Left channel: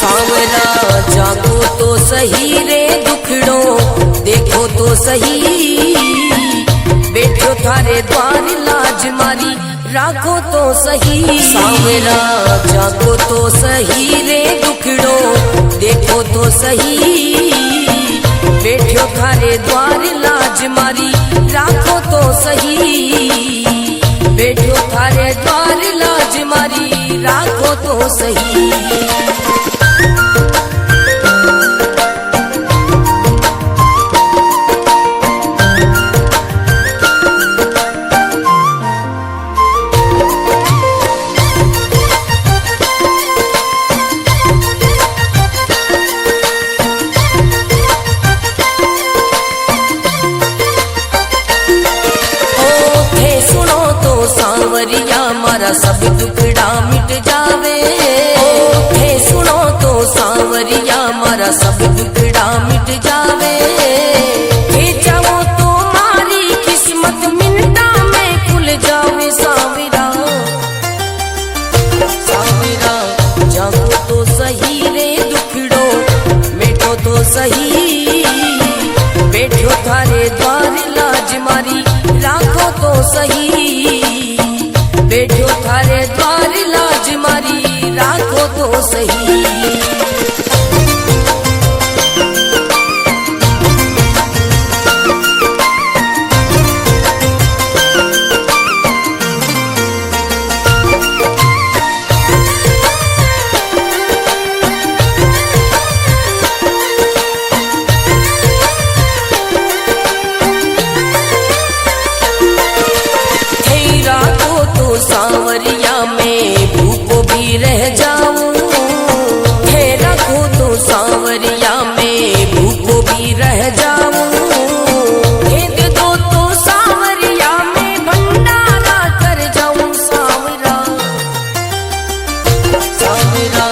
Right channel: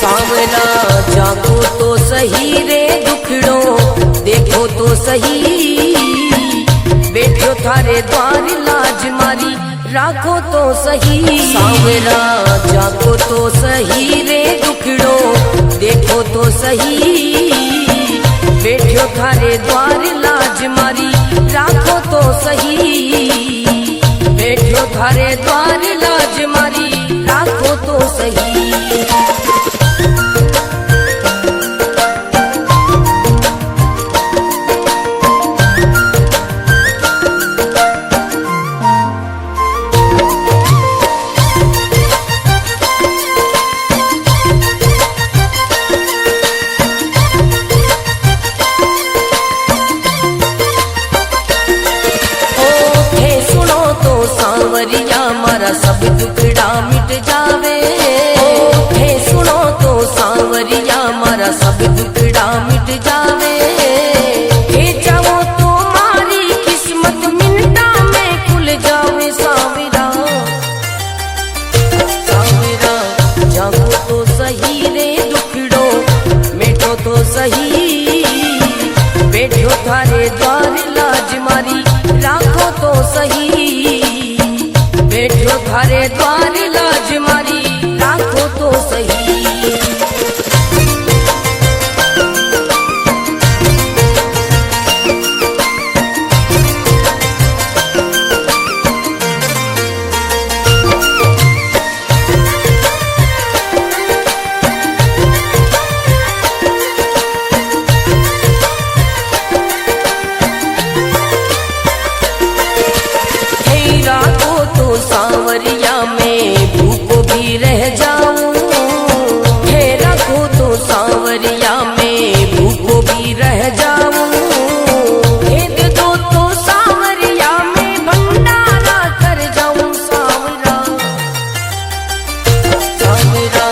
सांवरा जागो तो सही रे दुखड़ो देखो तो सही, बैठो थारे द्वार लाज मारी राखो तो सही। सांवरा जागो तो सही रे दुखड़ो देखो तो सही, बैठो थारे द्वार लाज मारी राखो तो सही, बैठो थारे द्वार लाज मारी राखो तो सही। सांवरिया मारा सब दुखड़ा मिट जावे, हे सुनो तो सांवरिया मारा सब दुखड़ा मिट जावे, हे जाओ तो मारी किस्मत मिनटा में खुल जावे। सांवरा सांवरा जागो तो सही रे दुखड़ो मेटो तो सही, बैठो थारे द्वार लाज मारी राखो तो सही, बैठो थारे द्वार लाज मारी राखो तो सही। सांवरिया में भूखो भी रह जाऊं, हे रखो तो सांवरिया में भूखो भी रह जाऊं, हे दे दो तो सांवरिया में भंडारा कर जाऊं। सांवरा सांवरा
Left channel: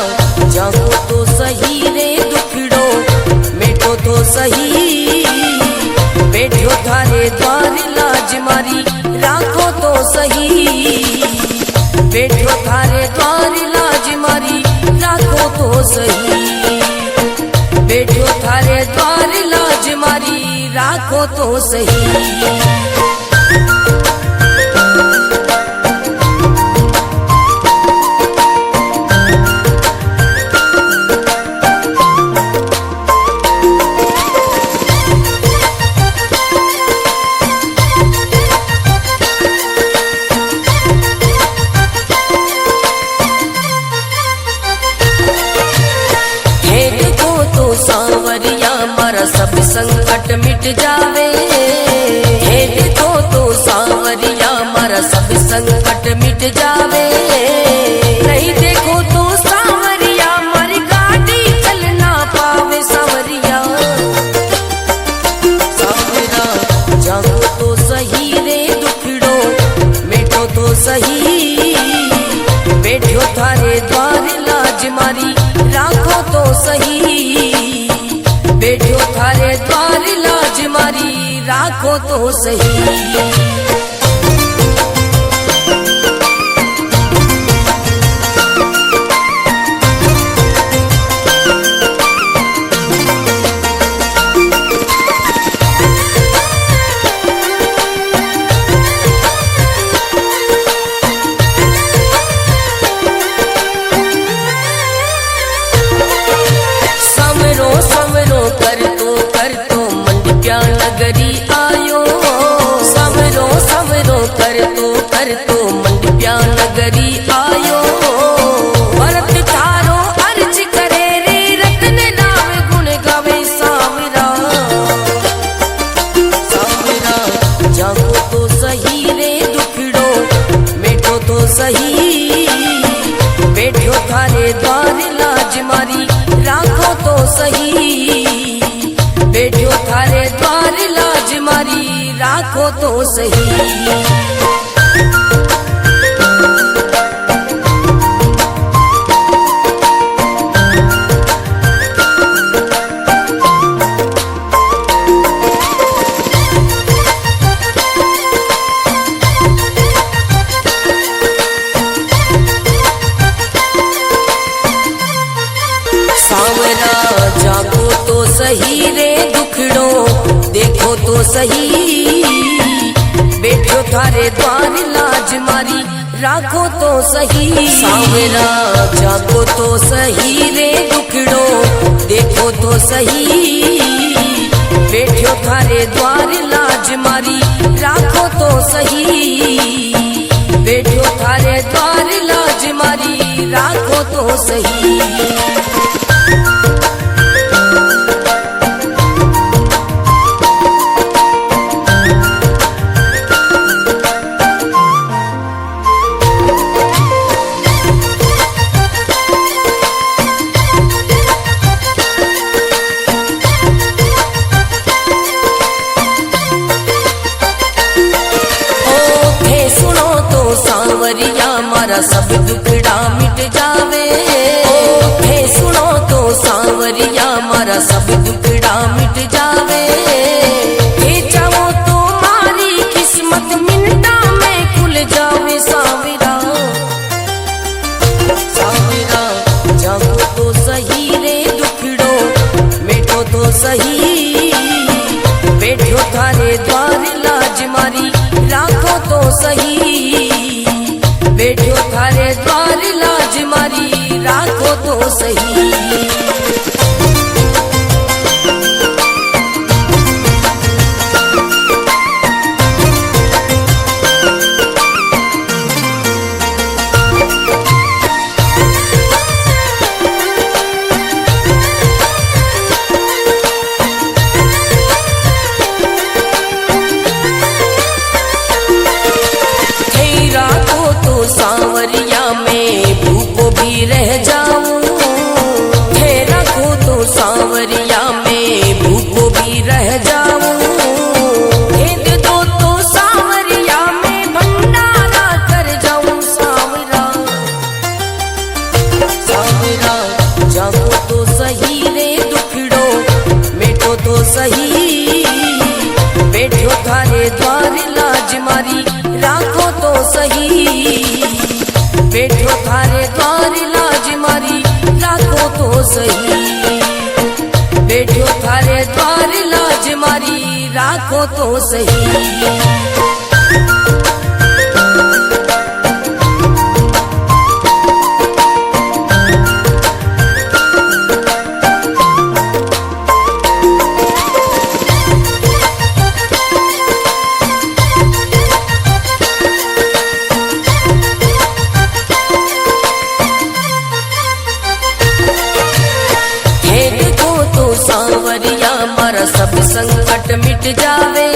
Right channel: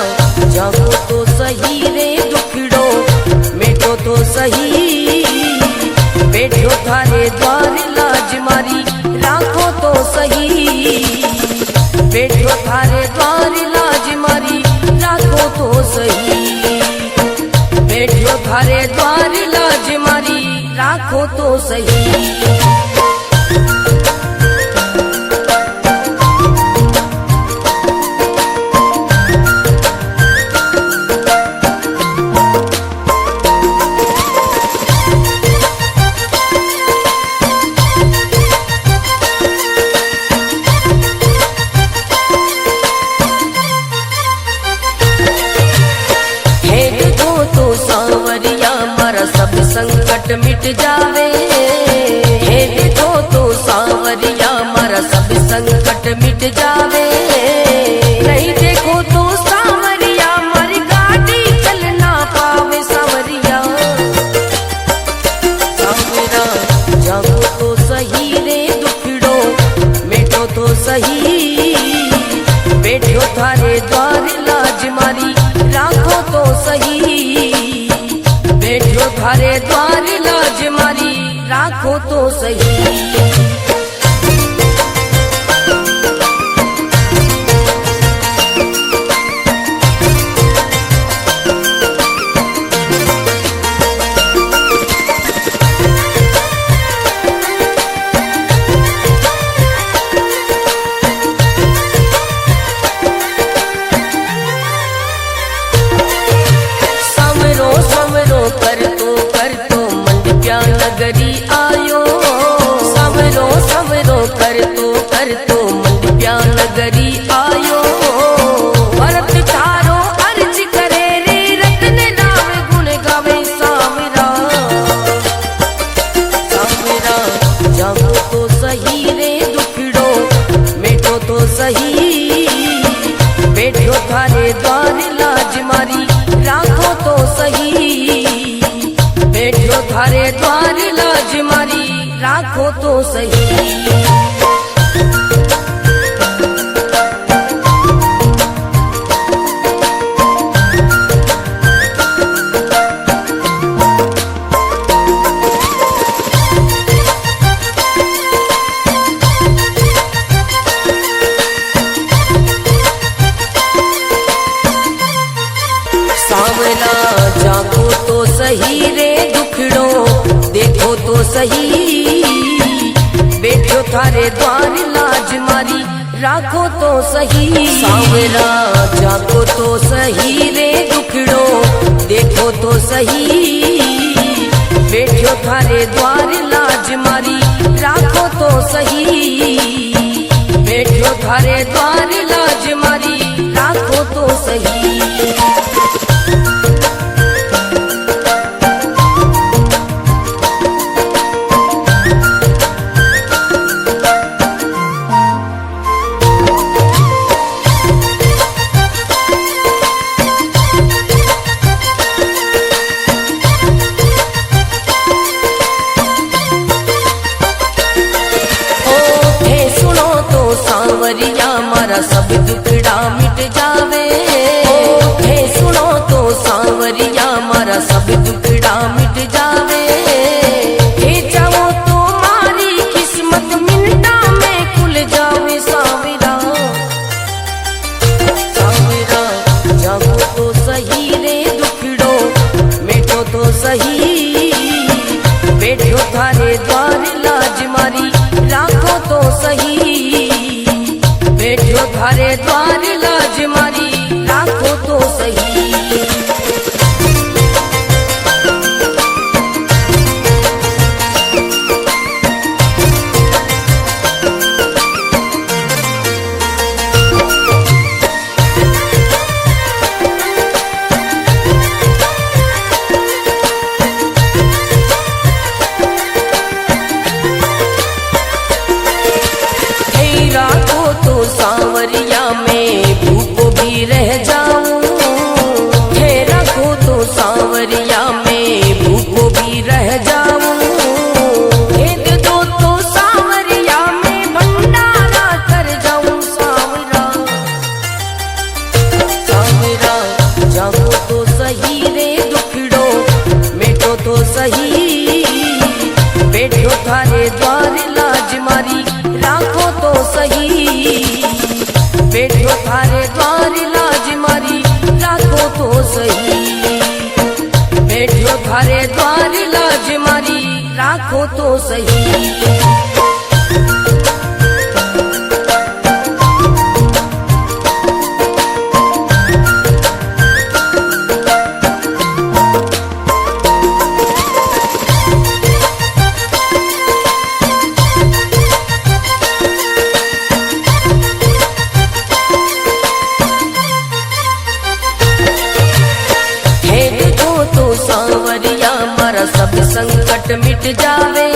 जागो तो सही रे दुखड़ो मेटो तो सही, बैठो थारे द्वार लाज मारी राखो तो सही, बैठो थारे द्वार लाज मारी राखो तो सही, बैठो थारे द्वार लाज मारी राखो तो सही। सांवरिया मारा सब संकट मिट जावे, हे देखो तो सांवरिया मारा सब संकट मिट जावे, नहीं देखो तो सांवरिया मारी गाड़ी चल ना पावे। सांवरिया सांवरा जागो तो सही रे दुखड़ो मेटो तो सही, बैठो थारे द्वार लाज मारी राखो तो सही, बैठो थारे द्वार लाज मारी राखो तो सही। कर तो मंडप्या नगरी आयो, समरो समरो कर तो मंडप्या नगरी आयो, भरत थारो अर्ज करे रे रत्न नाम गुण गावे। सांवरा सांवरा जागो तो सही रे दुखड़ो मेटो तो सही, बैठो थारे द्वार लाज मारी राखो तो सही, बैठो थारे द्वार लाज मारी राखो तो सही। सांवरा जागो तो सही रे दुखड़ो देखो तो सही, बैठो थारे द्वार लाज मारी राखो तो सही। सांवरा जागो तो सही रे दुखड़ो देखो तो सही, बैठो थारे द्वार लाज मारी राखो तो सही, बैठो थारे द्वार लाज मारी राखो तो सही। सांवरिया मारा सब दुखड़ा मिट जावे, हे सुनो तो सांवरिया मारा सब दुखड़ा मिट जावे, हे चाहो तो मारी किस्मत मिनटा में खुल जावे। सांवरा सांवरा जागो तो सही रे दुखड़ो मिटो तो सही, बैठो थारे द्वार लाज मारी राखो तो सही, बैठो थारे द्वार लाज मारी राखो तो सही। सांवरिया में भूखो भी रह जाऊं, हे रखो तो सांवरिया में भूखो भी रह जाऊं, हे दे दो तो सांवरिया में भंडारा कर जाऊं। सांवरा सांवरा जागो तो सही रे दुखड़ो मिटो तो सही, बैठो थारे द्वार लाज मारी राखो तो सही, बैठो थारे द्वार लाज मारी राखो तो सही, बैठो थारे द्वार लाज मारी राखो तो सही। सांवरिया मारा सब संकट मिट जावे,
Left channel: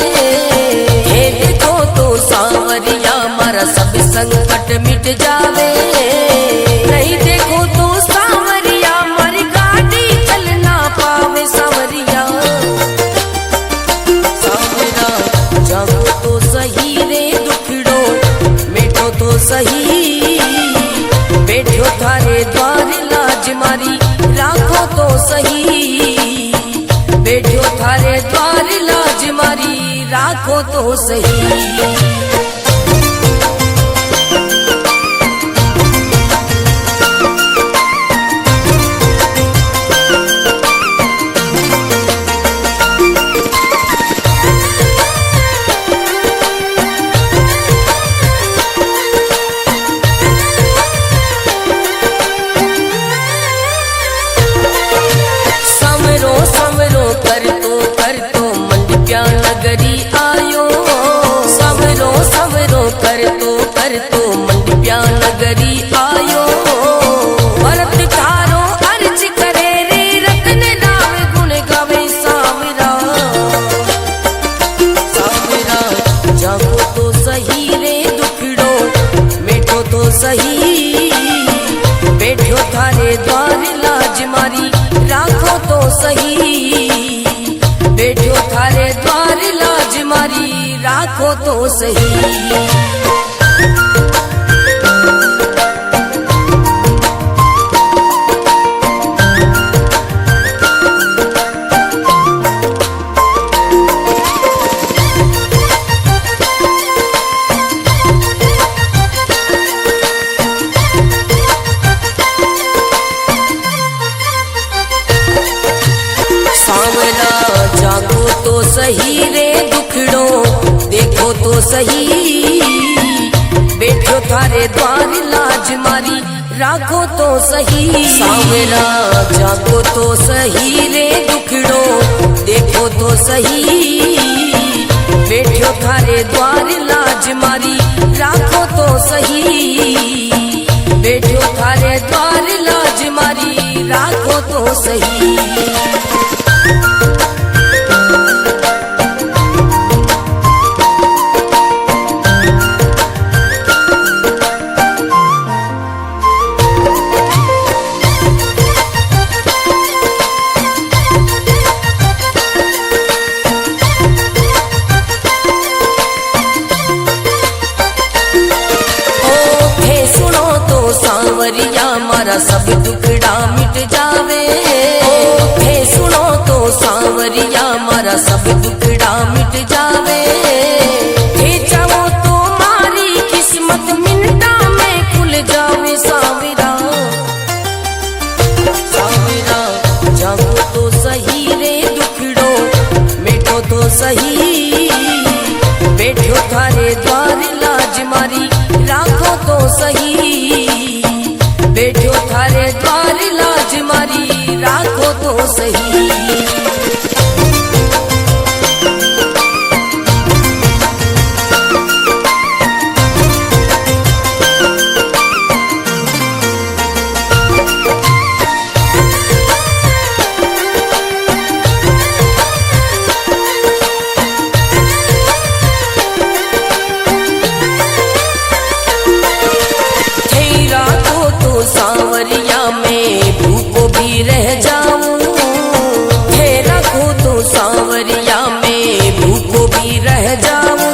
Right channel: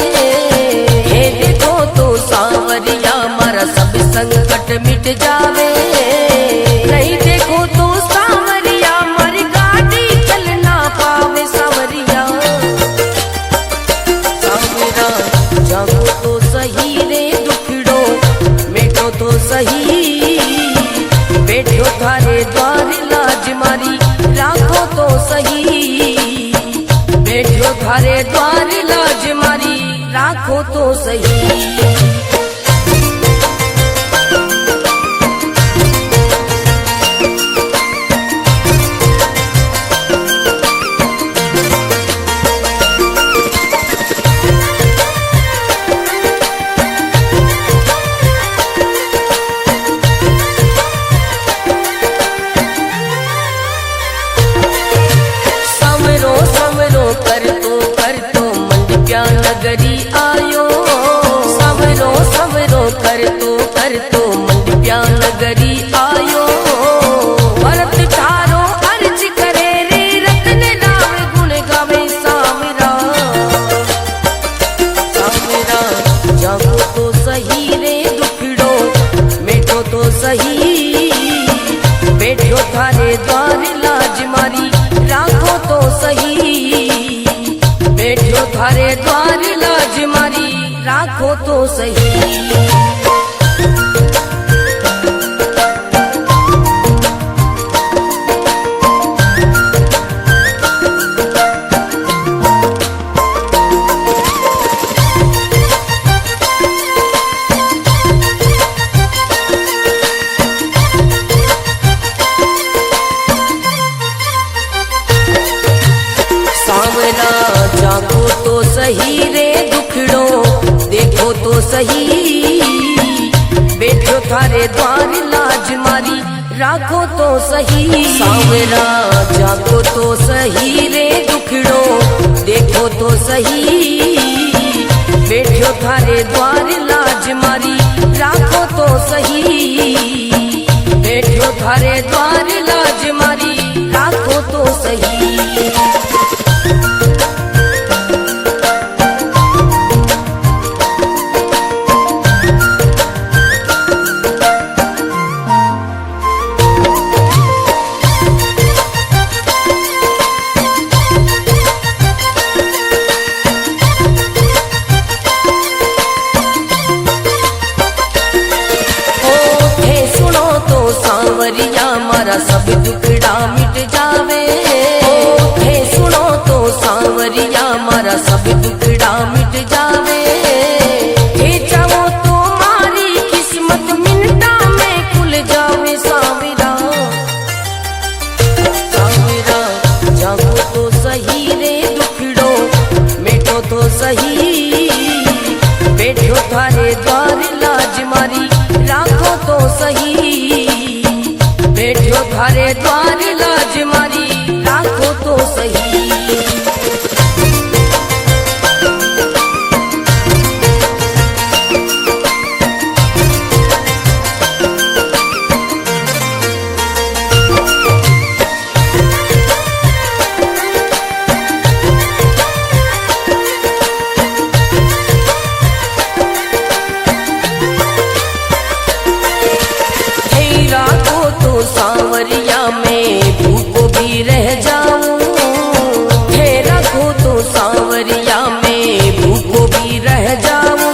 हे देखो तो सांवरिया मारा सब संकट मिट जावे, नहीं देखो तो सांवरिया मारी गाड़ी चल ना पावे। सांवरिया सांवरा जागो तो सही रे दुखड़ो मिटो तो सही, बैठो थारे द्वार लाज मारी राखो तो सही, बैठो थारे द्वार लाज मारी राखो तो सही। कर तो मंडप्या नगरी आयो, समरो समरो कर तो मंडप्या नगरी आयो, भरत तारो अर्ज करे रे रतन राम गुण गावे। सांवरा सांवरा जागो तो सही रे दुखड़ो मिटो तो सही, बैठो थारे द्वार लाज मारी राखो तो सही, बैठो थारे द्वार लाज मारी राखो तो सही। जागो तो सही रे दुखड़ो देखो तो सही, बैठो थारे द्वार लाज मारी राखो तो सही। सांवरा जागो तो सही रे दुखड़ो देखो तो सही, बैठो थारे द्वार लाज मारी राखो तो सही, बैठो थारे द्वार लाज मारी राखो तो सही। सांवरिया मारा सब दुखड़ा मिट जावे, हे सुनो तो सांवरिया मारा सब दुखड़ा मिट जावे, हे चाहो तो मारी किस्मत मिनटा में खुल जावे। सांवरा सांवरा जागो तो सही रे दुखड़ो मिटो तो सही, बैठो थारे द्वार लाज मारी राखो तो सही, बैठो थारे द्वार लाज मारी राखो तो सही। सांवरिया में भूखो भी रह जाऊं, हे रखो तो सांवरिया में भूखो भी रह जाऊं,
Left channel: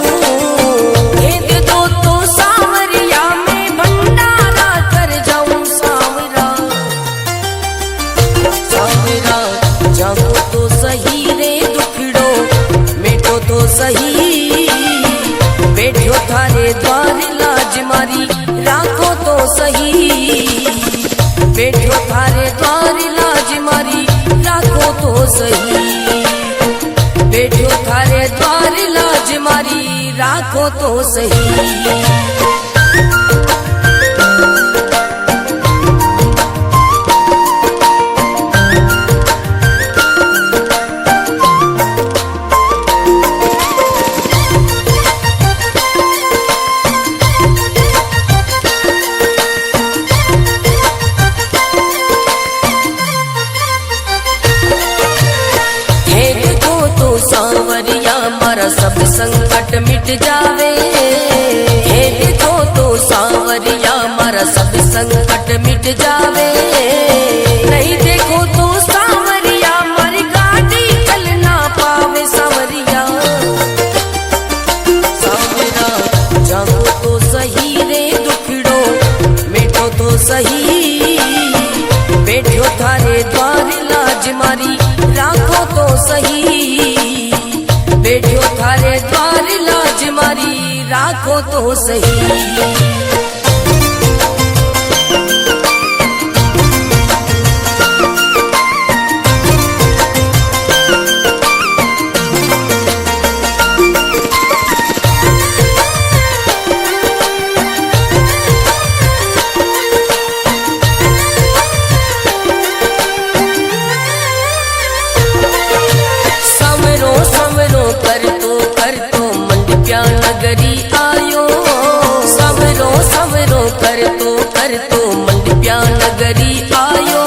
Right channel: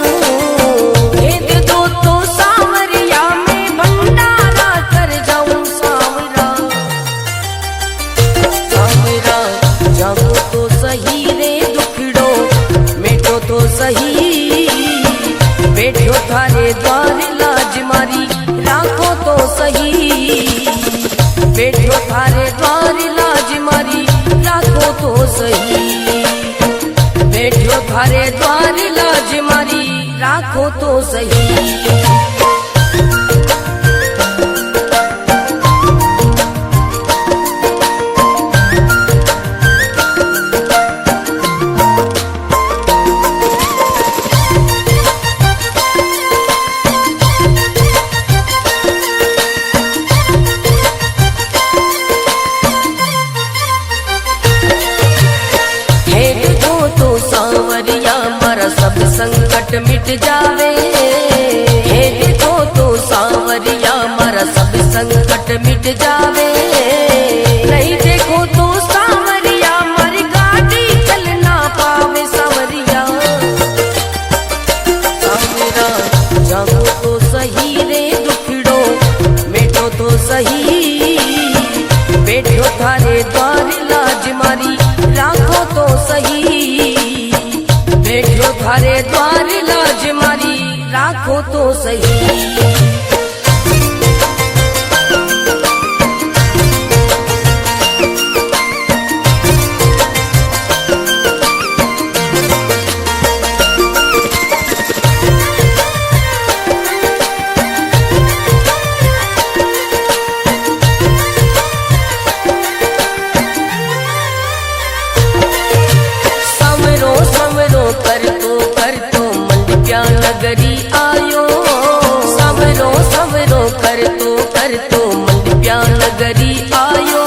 हे दे दो तो सांवरिया में भंडारा कर जाऊं। सांवरा सांवरा जागो तो सही रे दुखड़ो मिटो तो सही, बैठो थारे द्वार लाज मारी राखो तो सही, बैठो थारे द्वार लाज मारी राखो तो सही, बैठो थारे द्वार लाज मारी राखो तो सही। सांवरिया मारा सब संकट मिट जावे, हे देखो तो सांवरिया मारा सब संकट मिट जावे, नहीं देखो तो सांवरिया मारी गाड़ी चल ना पावे। सांवरिया सांवरा जागो तो सही रे दुखड़ो मिटो तो सही, बैठो थारे द्वार लाज मारी राखो तो सही, बैठो थारे द्वार लाज मारी राखो तो सही। कर तो मंडप्या नगरी आयो, सवरो सवरो कर तो मंडप्या नगरी आयो,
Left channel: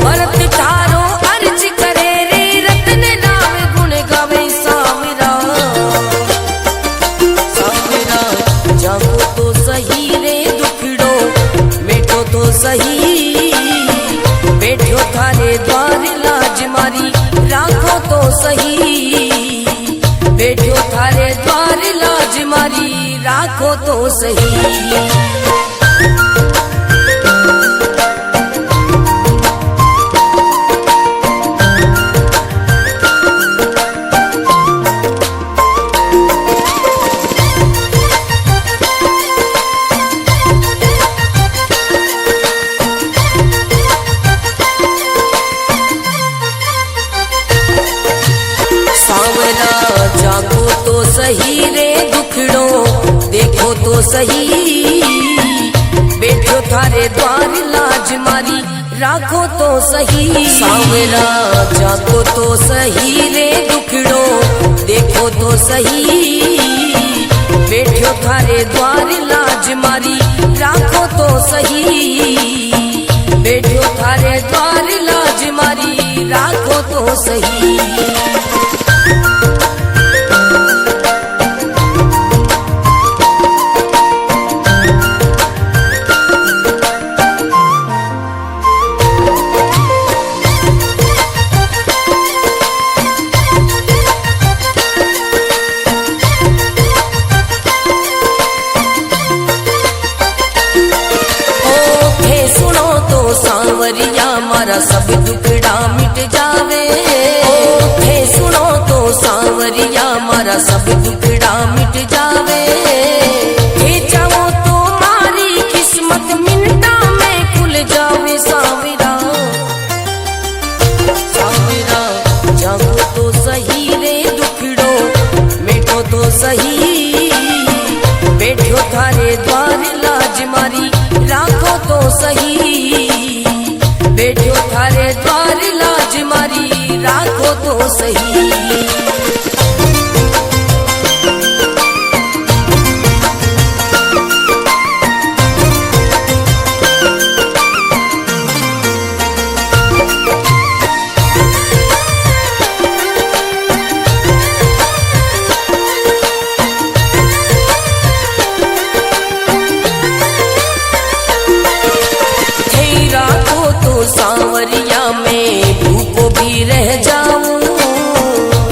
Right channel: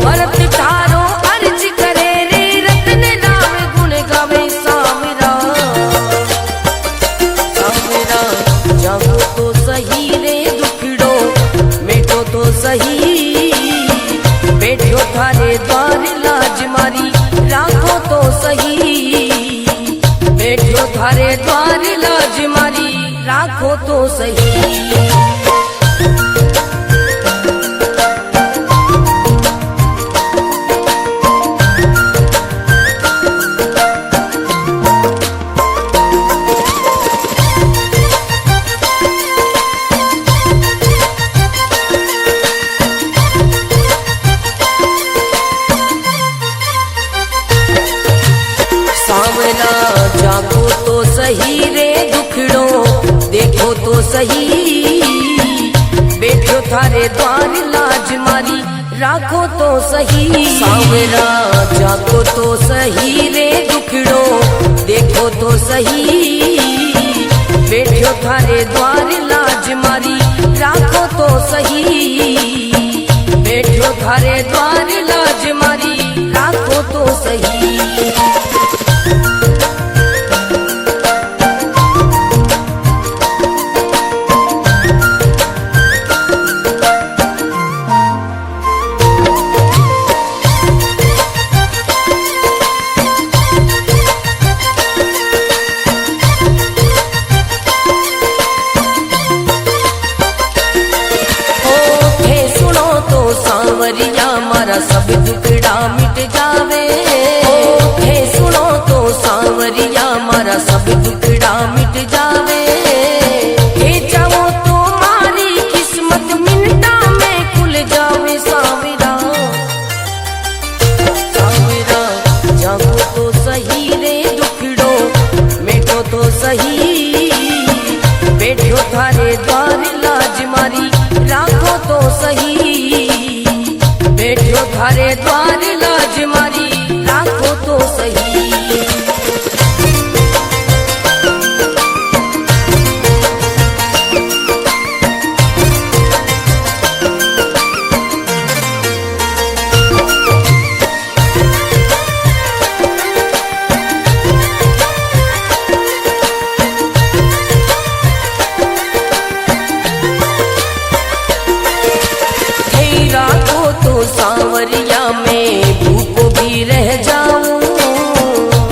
भरत थारो अर्ज करे रे रतन नाम गुण गावे। सांवरा सांवरा जागो तो सही रे दुखड़ो मिटो तो सही, बैठो थारे द्वार लाज मारी राखो तो सही, बैठो थारे द्वार लाज मारी राखो तो सही। सही रे दुखड़ो, देखो तो सही बैठो थारे द्वार लाज मारी, राखो तो सही सांवरा, जाको तो सही रे दुखड़ो, देखो तो सही बैठो थारे द्वार लाज मारी, राखो तो सही बैठो थारे द्वार लाज मारी, राखो तो सही। सांवरिया मारा सब दुखड़ा मिट जावे, थे सुनो तो सांवरिया मारा सब दुखड़ा मिट जावे, हे चाहो तो मारी किस्मत मिनटा में खुल जावे सांवरा, सांवरा जागो तो सही रे दुखड़ो, मेटो तो सही बैठो थारे द्वार लाज मारी, राखो तो सही बैठो थारे द्वार लाज मारी, राखो तो सही। सांवरिया में भूखो भी रह जाऊं,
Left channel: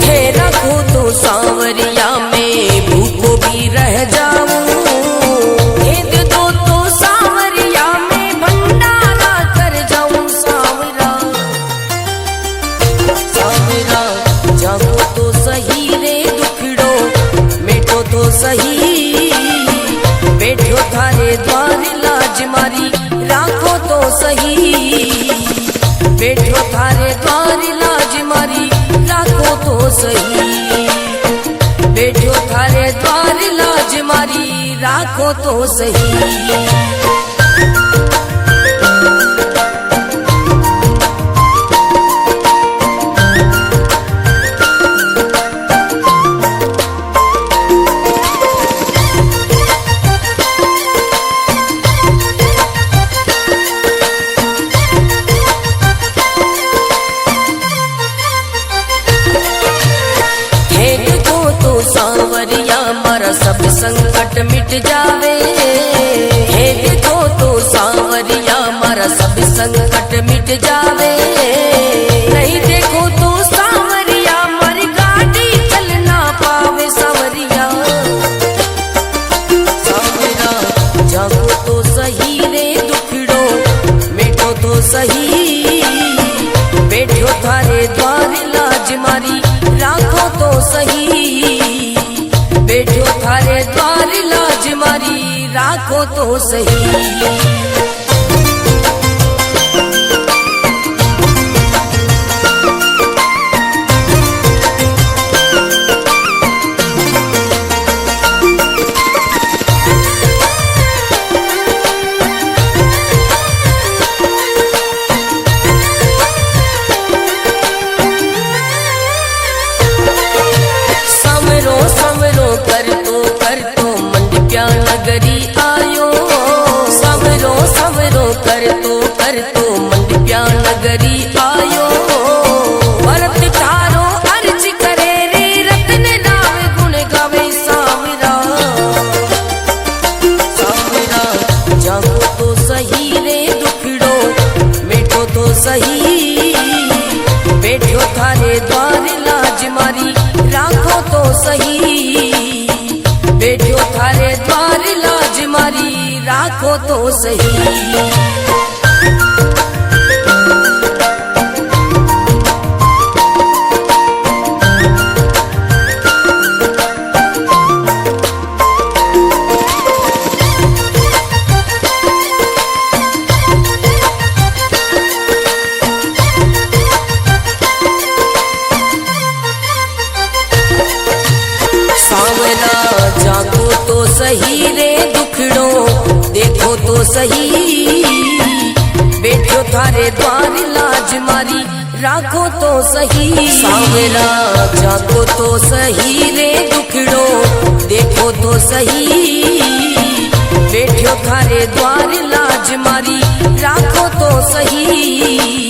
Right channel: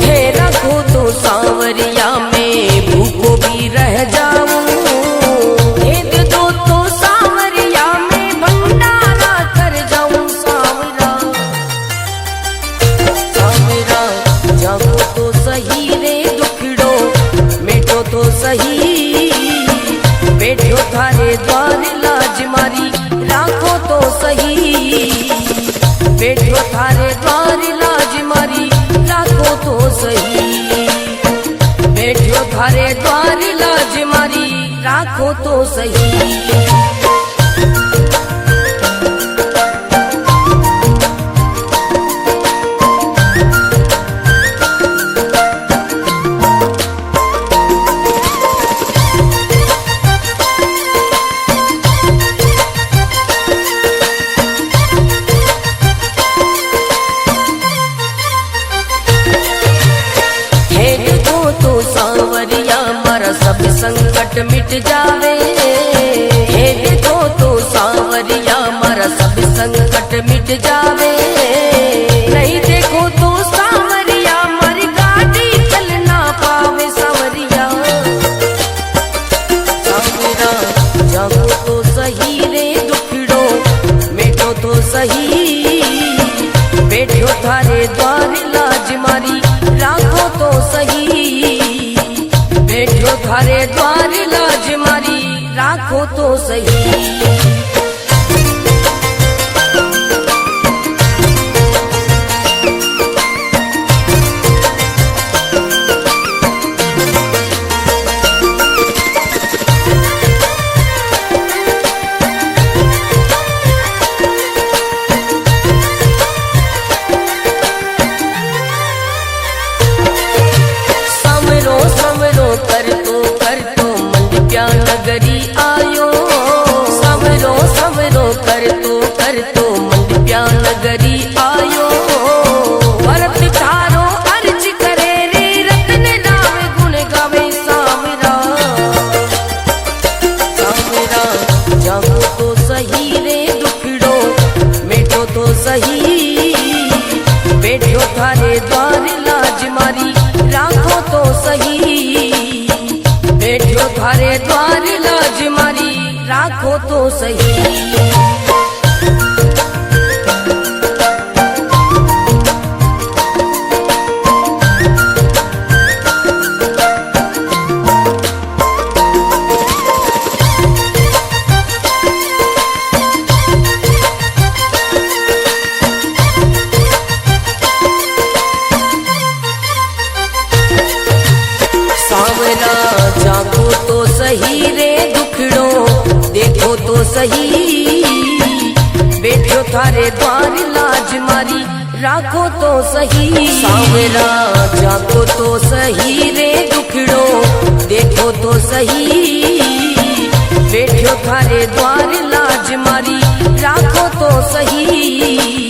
थे रखो तो सांवरिया में भूखो भी रह जाऊं, भेद दो तो सांवरिया में भंडारा कर जाऊं सांवरा, सांवरा जागो तो सही रे दुखड़ो, मेटो तो सही बैठो थारे द्वार लाज मारी, राखो तो सही बैठो थारे द्वार लाज मारी, राखो तो सही बैठो थारे द्वार लाज मारी, राखो तो सही। सांवरिया मारा सब संकट मिट जावे, हे देखो तो सांवरिया मारा सब संकट मिट जावे, नहीं देखो तो सांवरिया मारी गाड़ी चल ना पावे सांवरिया, सांवरा जागो तो सही रे दुखड़ो, मेटो तो सही बैठो थारे द्वार लाज मारी, राखो तो सही बैठो थारे द्वार लाज मारी, राखो तो सही। कर तो मंडप्या नगरी आयो, समरो समरो कर तो मंडप्या नगरी आयो, भरत थारो अर्ज करे रे रत्न नाम गुण गावे सांवरा, सांवरा जागो तो सही रे दुखड़ो, मेटो तो सही बैठो थारे द्वार लाज मारी, राखो तो सही बैठो थारे द्वार लाज मारी, राखो तो सही। जागो तो सही रे दुखड़ो देखो तो सही, बैठो थारे द्वार लाज मारी राखो तो सही। सांवरा जागो तो सही रे दुखड़ो देखो तो सही, बैठो थारे द्वार लाज मारी राखो तो सही।